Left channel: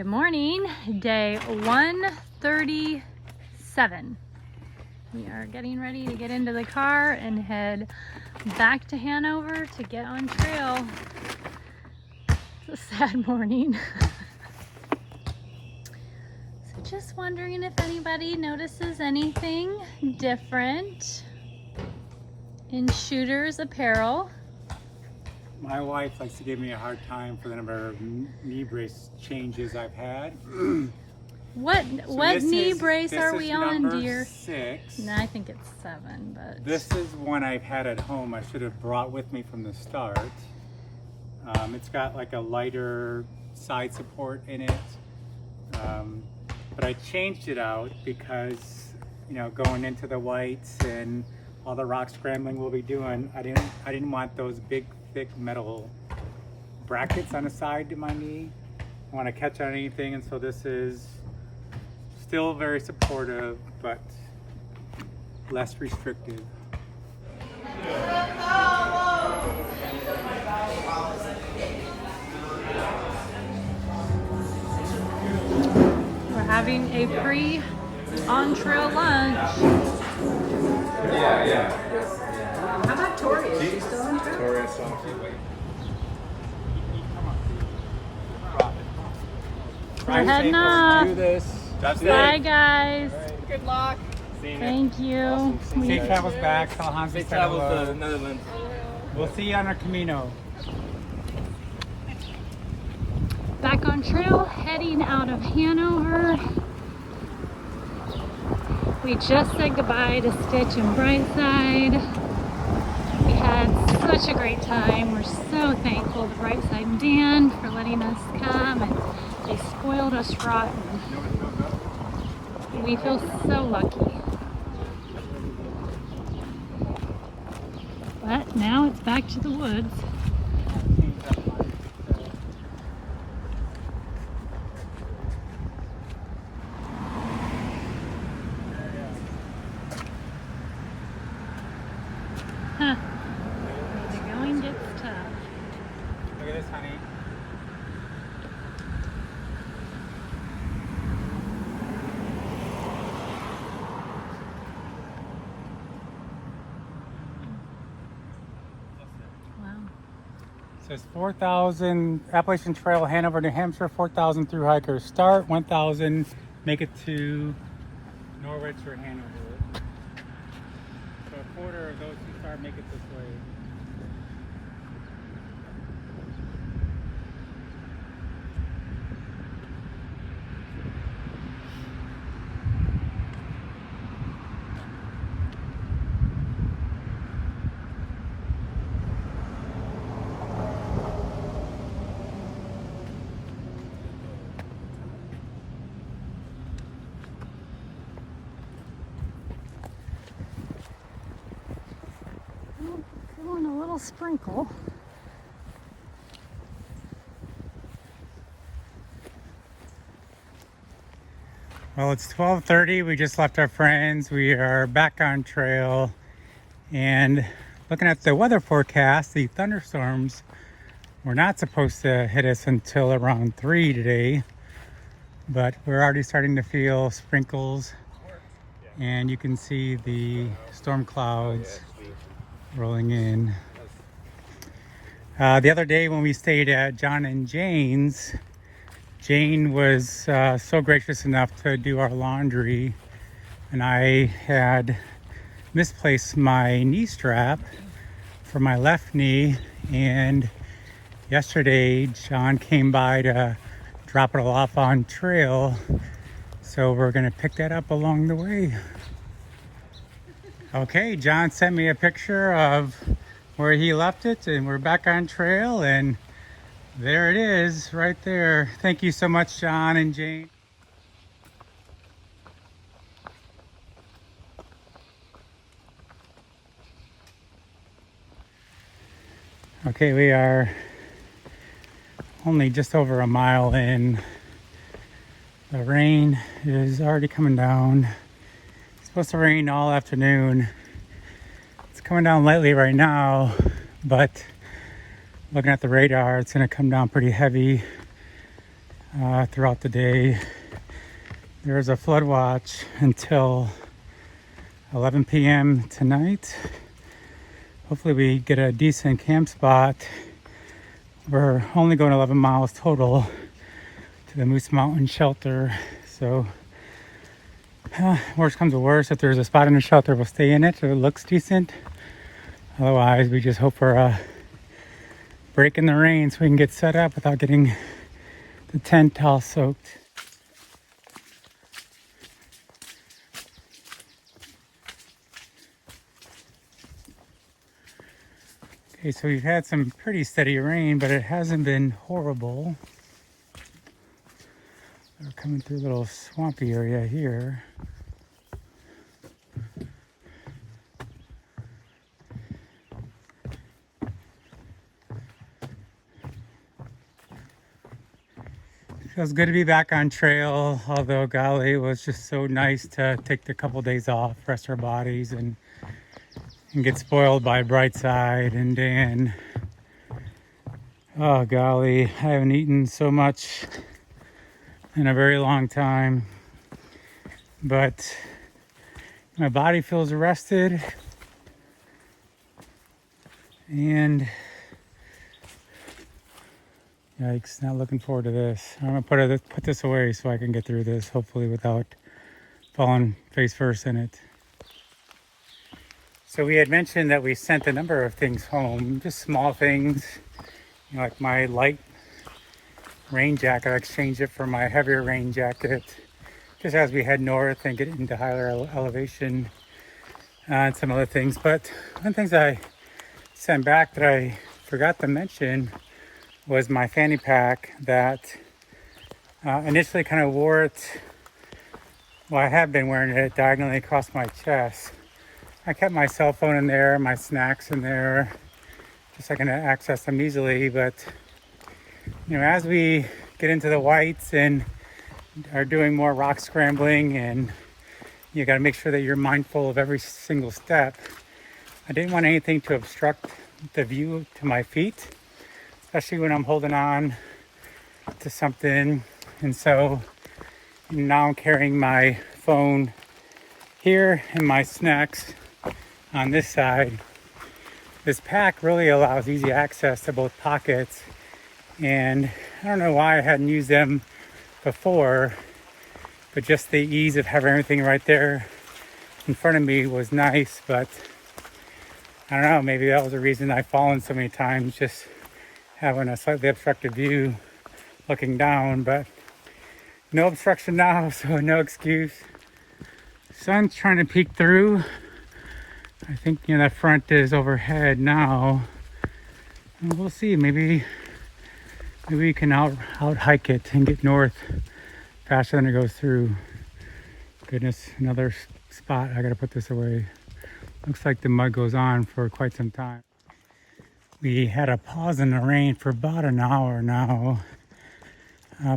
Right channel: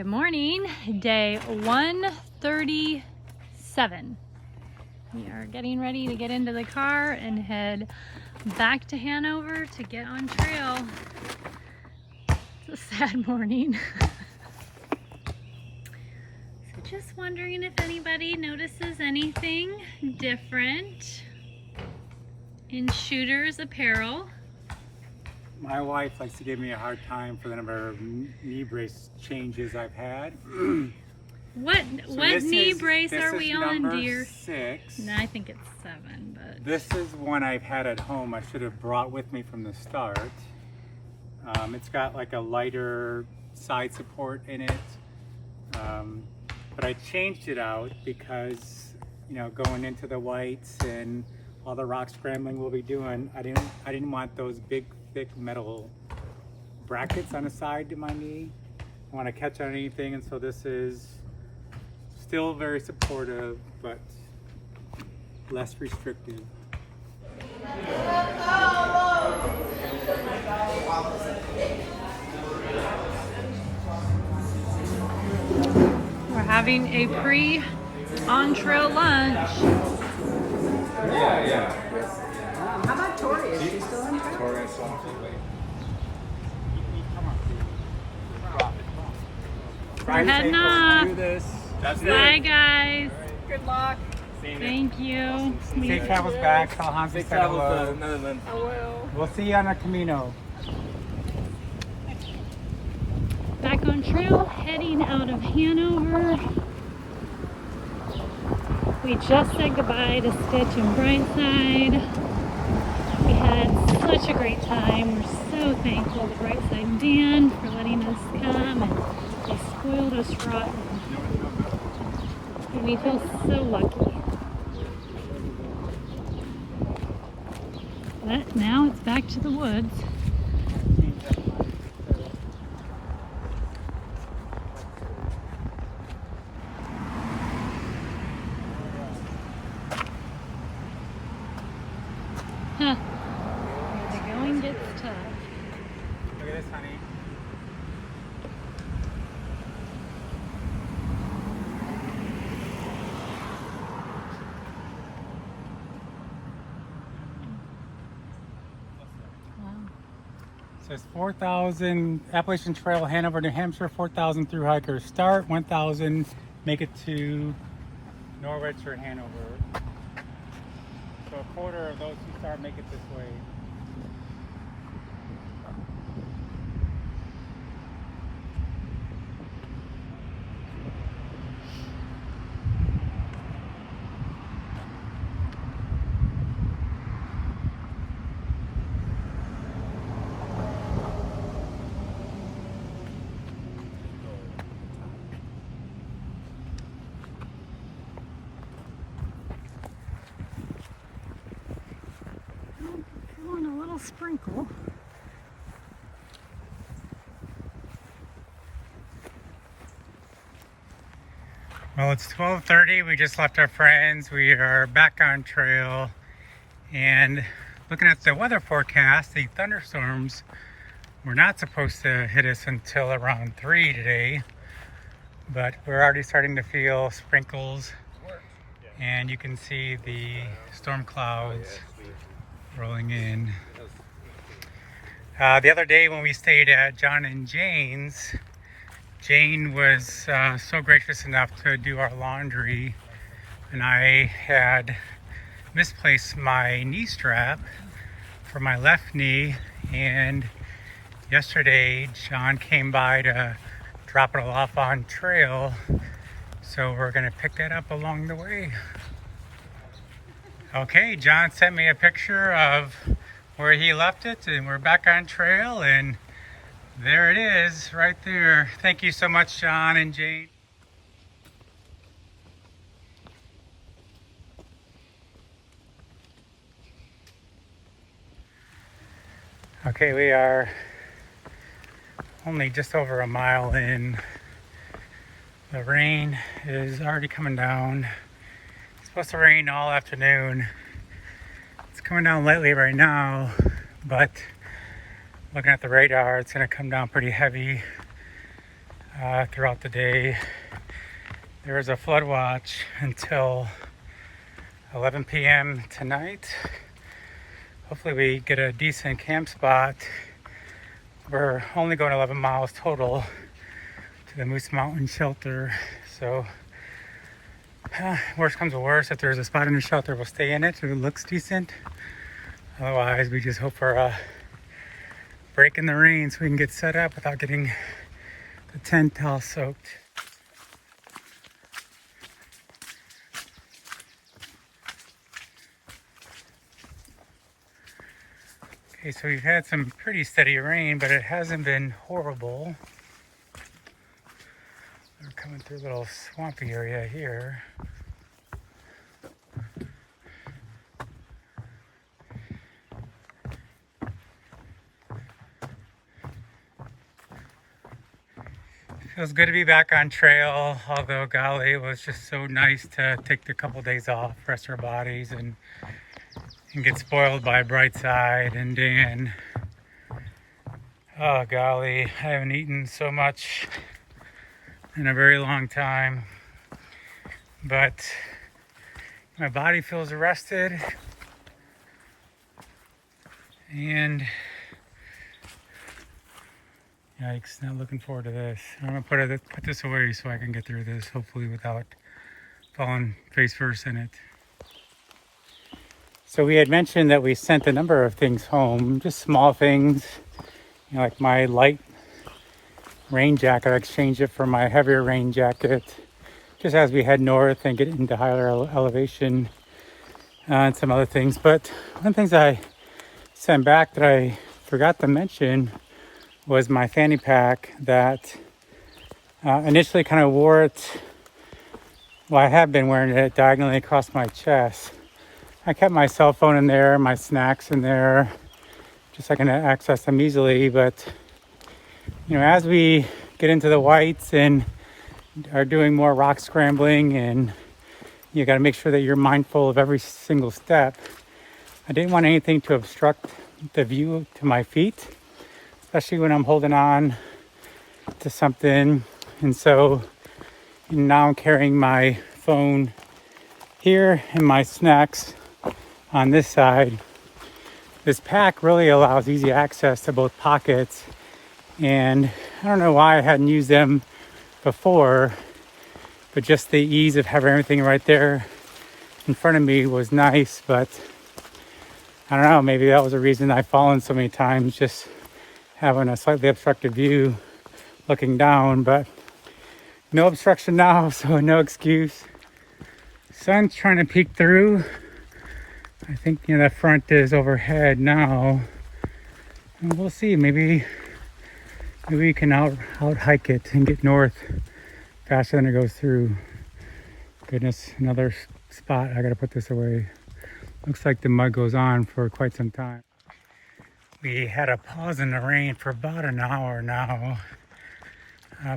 Good morning, day 137. We are getting ready to get into the car and head back to Hanover to get on trail. It's a sad morning. So just wondering if anybody notices anything different in Shooter's apparel. My wife likes to give me a hard time for the number of knee brace changes I've had. What knee brace are we on, dear? 6. No, I think it's 7, but this is one I've had at home. I should have brought with me from the start. It's got like a lighter side support in it, but I changed it out because, you know, going into the whites and all the rock scrambling we'll be doing, I didn't want those big thick metal brackets on the side of my knee. I want to catch on anything, and so this is still very supportive but less restrictive. we're having a pre-on-trail lunch. Yeah. How about Tori? Is she still on trail? Tori is on. We're heading off. Do this. Bye, guys. Good luck. Thank you. Safe travels back. Tell Hans we said hello. Netherlands. We'll see you on our Camino. Back on trail, heading out of Hanover. We just said goodbye to Stitch and Brightside. We had such a great time. We're so thankful to Brightside and Dan for letting us come, and they spoiled us rotten. We feel so lucky. But now it's back to the woods. Huh. Where the going gets tough. Look at this, honey. Wow. So it's 4,000 Appalachian Trail, Hanover, New Hampshire. 4,000 through hikers start. 1,000 make it to Norwich or Hanover. So a quarter of those who start make it this way. Come on, a little sprinkle. Well, it's 12:30. We just left our friends. We are back on trail, and looking at the weather forecast, the thunderstorms were not supposed to hit us until around 3 today, but we're already starting to feel sprinkles, and you can see the storm clouds rolling in. The other day when we stayed at John and Jane's, Jane was so gracious enough to do our laundry, and I had misplaced my knee strap for my left knee, and yesterday John came by to drop it all off on trail, so we're gonna pick that up along the way. Okay, John sent me a picture of where he left it, and we're back on trail, and there it is right there. Thank you so much, John and Jane. Okay, we are only just over a mile in. The rain is already coming down. It's supposed to rain all afternoon. It's coming down lightly right now, but looking at the radar, it's going to come down pretty heavy. throughout the day. There's a flood watch until 11 p.m. tonight. Hopefully we get a decent camp spot. We're only going 11 miles total to the Moose Mountain shelter. So worst comes to worst, if there's a spot in the shelter, we'll stay in it if it looks decent. Otherwise, we just hope for a break in the rain so we can get set up without getting the tent all soaked. Okay, so we've had some pretty steady rain, but it hasn't been horrible. We're coming through a little swampy area here. Feels good to be back on trail, although golly, it was just so nice to take the couple days off, rest our bodies, and get spoiled by Brightside and Dan. Oh golly, I haven't eaten so much in a very long time, but my body feels rested, and yikes, not looking forward to this. I'm gonna put this away so I can get through this, hopefully without falling face first in it. So we had mentioned that we sent a number of things home, just small things, like my light rain jacket. I exchanged it for my heavier rain jacket, just as we head north and get into higher elevation, and some other things. But one of the things I sent back that I forgot to mention was my fanny pack that initially kind of wore it, well, I have been wearing it diagonally across my chest. I kept my cell phone in there, my snacks in there, just so I can access them easily. But as we get into the whites and are doing more rock scrambling, and you got to make sure that you're mindful of every single step, I didn't want anything to obstruct the view to my feet, especially when I'm holding on to something. And so now I'm carrying my phone here and my snacks on this side. This pack really allows easy access to both pockets, and I don't know why I hadn't used them before, but just the ease of having everything right there in front of me was nice. But I don't know, maybe that was the reason I've fallen so many times, just having a slightly obstructed view looking down. But no obstruction now, so no excuse. Sun's trying to peek through. I think the front is overhead now, and we'll see. Maybe we can out hike it and get north faster than it goes through. Goodness, another spot. I gotta put this away. Looks like the mud goes on for quite some time. We had a pause in the rain for about an hour now,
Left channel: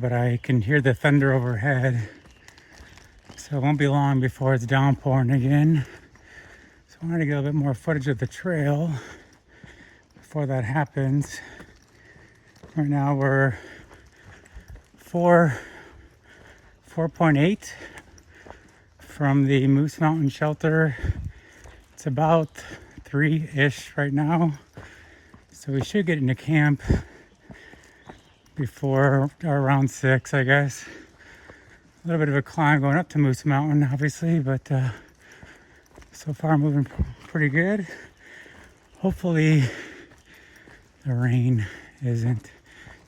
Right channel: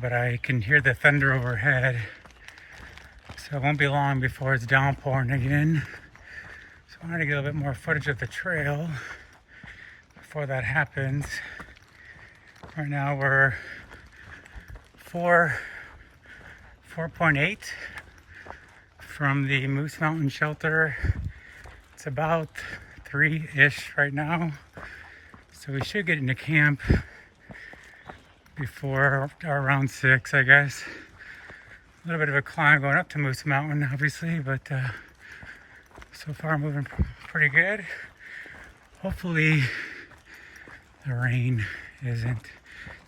but I can hear the thunder overhead, so it won't be long before it's downpouring again. So I want to get a bit more footage of the trail before that happens. Right now we're 4.8 from the Moose Mountain shelter. It's about 3-ish right now. So we should get into camp before around 6, I guess. A little bit of a climb going up to Moose Mountain, obviously, but so far moving pretty good. Hopefully the rain isn't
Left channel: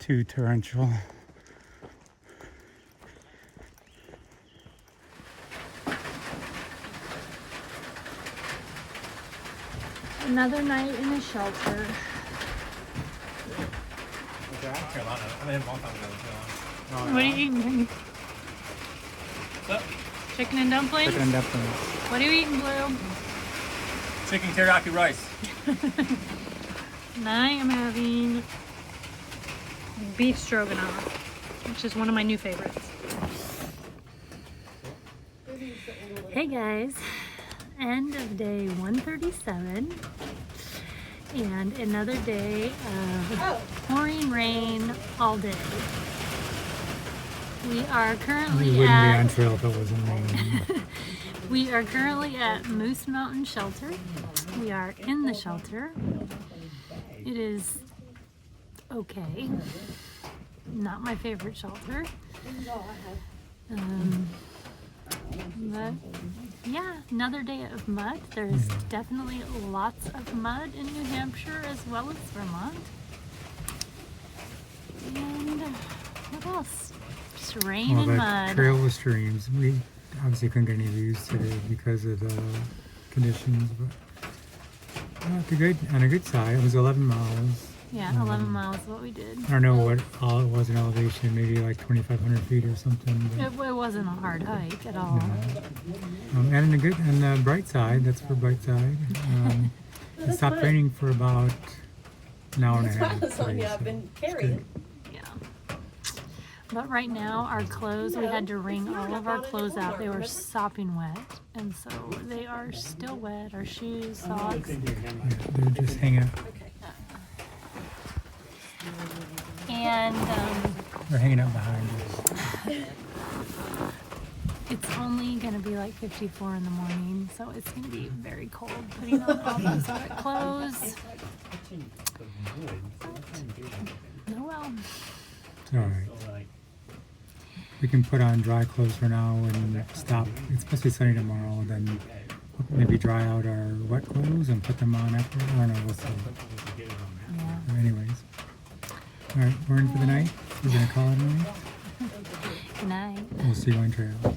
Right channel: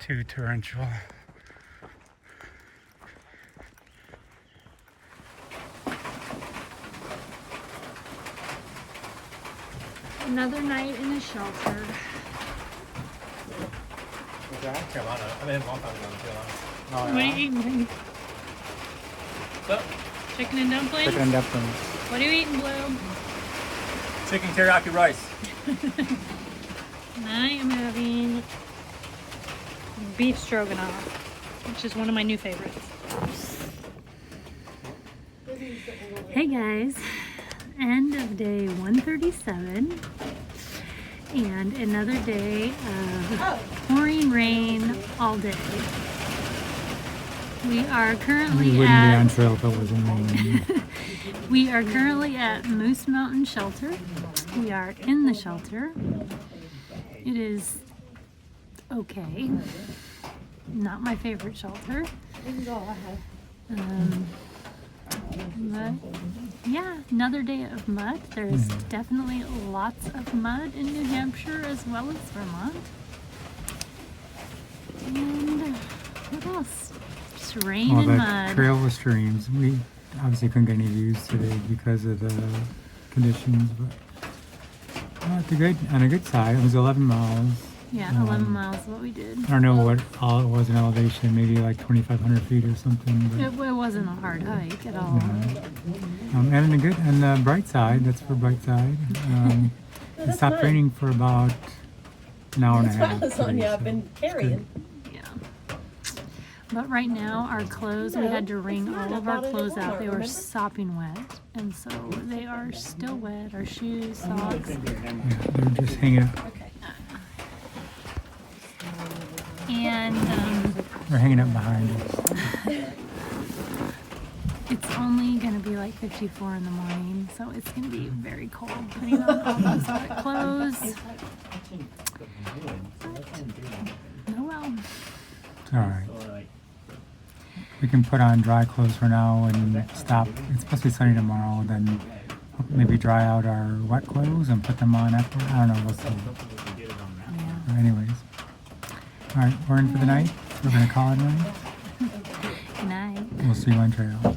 too torrential. Another night in a shelter. Carolina. I mean, a long time ago in Carolina. Oh, What are you eating? So, Chicken and dumplings? Chicken and dumplings. What are you eating, Blue? chicken teriyaki rice. And I am having beef stroganoff, which is one of my new favorites. Hey guys, end of day 137 and another day of pouring rain all day. We are We currently wouldn't be on at trail if it wasn't raining. we are currently at Moose Mountain Shelter. We are in the shelter. It is okay. Not my favorite shelter. But yeah, another day of mud. There's definitely lots of mud in New Hampshire as well as Vermont. And what else? Just rain and mud. Trail with streams. We obviously couldn't get any views today because of the conditions, but on a good side. It was 11 miles. Yeah, 11 miles is what we did. I don't know what all it was in elevation, maybe like 2,500 feet or something. But, It wasn't a hard hike at all. And the bright side, that's for bright side. It stopped raining for about an hour and a half. That's long I've been carrying. Yeah. But right now, our clothes, we had to wring all of our clothes out. They were sopping wet. And so they are still wet. Our shoes, socks. They're just hanging out. And We're hanging out behind us. it's only going to be like 54 in the morning. So it's going to be very cold putting on all those wet clothes. Oh well. It's alright. We can put on dry clothes for now and stop. It's supposed to be sunny tomorrow, then maybe dry out our wet clothes and put them on after. I don't know, we'll see. Yeah. But anyways. Alright, we're in for the night. We're going to call it a night. Good night. We'll see you on trail.